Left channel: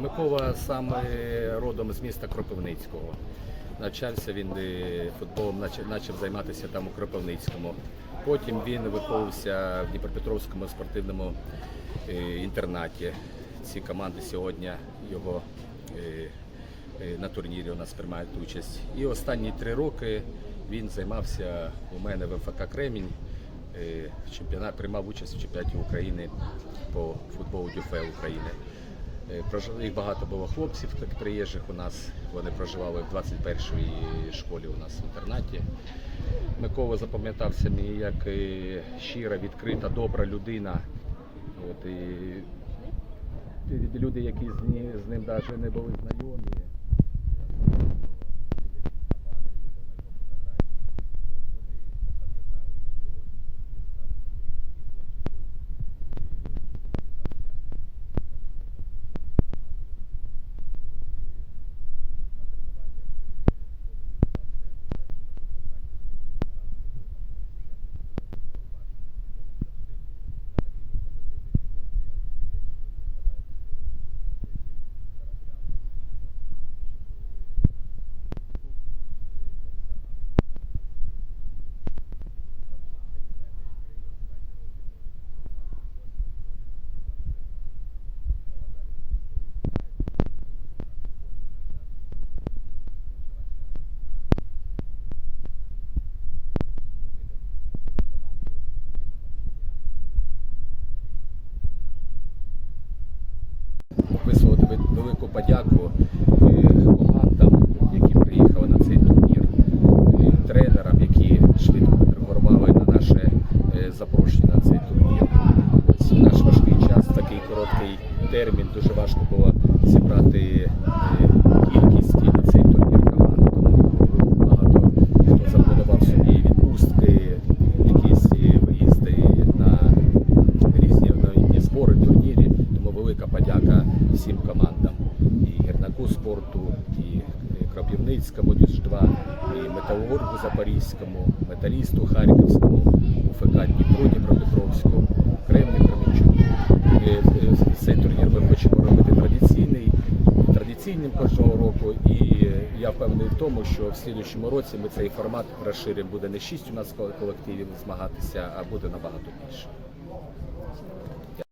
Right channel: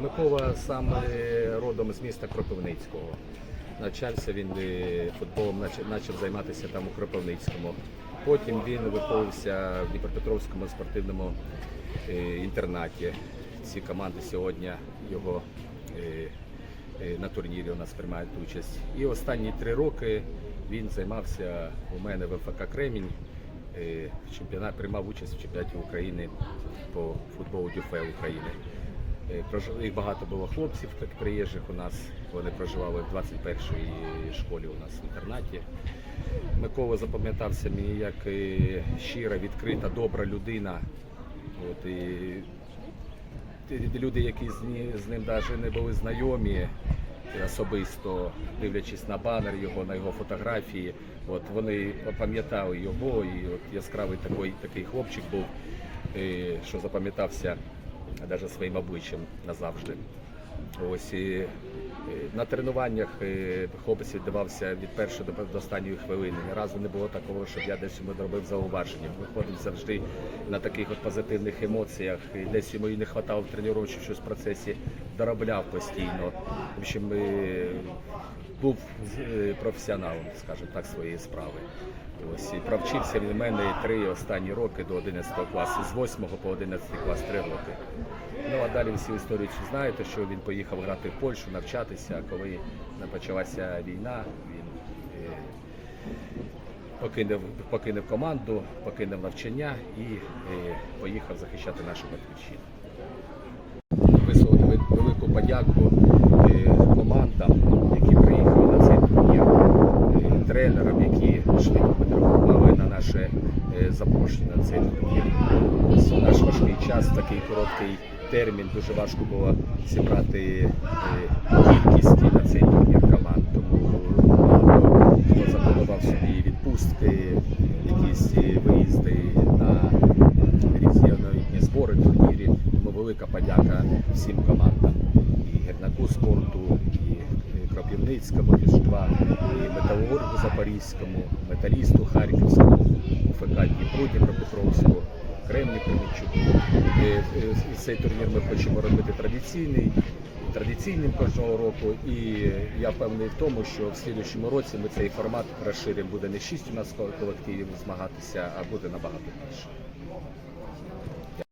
Микола сам е, родом з міста Кропивницького. Навчався він е, футболом, почав займатися там у Кропивницькому. Потім він виховувався в Дніпропетровському спортивному е, інтернаті. Ці команди сьогодні його е, на турнірі у нас приймають участь. І останні три роки він займався у мене в МФК Кремінь. Приймав участь в чемпіонаті України по футболу ДЮФЕ України. Е, Їх багато було хлопців так, приїжджих у нас. Вони проживали в 21-й школі у нас в інтернаті. Микола запам'ятався мені як е, щира, відкрита, добра людина. От, і люди, які з, ним навіть не були знайомі особисто, дивлячись на банер його, на його фотографії, от вони пам'ятали його, і от яскравий такий, такий хлопчик був, е, що запам'ятався навіть своїм обличчям назавжди. Ось і е, на тренуваннях е, хлопець віддавався від першої до, останньої хвилини. Ні разу не було такого, щоб я десь йому робив зауваження. Виходив завжди на таких от позитивних емоціях. І десь йому і не вистачало в тренуванні щось в процесі, доробляв постійно. В общем, був е, професіоналом, скажімо так, своєї справи. Ось і провчився він в мене три останні роки до 11 класу, з 8 по 11 клас три роки. Ну а далі всю історію знаєте, що він поїхав грати в Польщу, навчатися. Коли почалася війна, він е, покинув, покинув команду, покинув навчання і е, поїхав захищати нашу батьківщину. Висловити велику подяку командам, які приїхали на цей турнір, е, тренерам, які швидко відреагували на наше е, запрошення на цей турнір. Наш важкий час, такий короткий термін, дуже важко було зібрати е, кількість на цей турнір команд. Тому запланував собі відпустки, якісь виїзди на різні збори, турнірі. Велика подяка всім командам і Гернаку спорту, і Кропівницькому Діж 2, і Металургу Запорізькому, Металісту Харківському, УФК Дніпру Дніпропетровську, Кремні Кременчуку. Е, Цей турнір ми хочемо робити традиційний. Традиційним кожного року, і я впевнений в тому, що в слідчому році ми цей формат розширимо. Буде не шість у нас колективів змагатися, а буде набагато більше.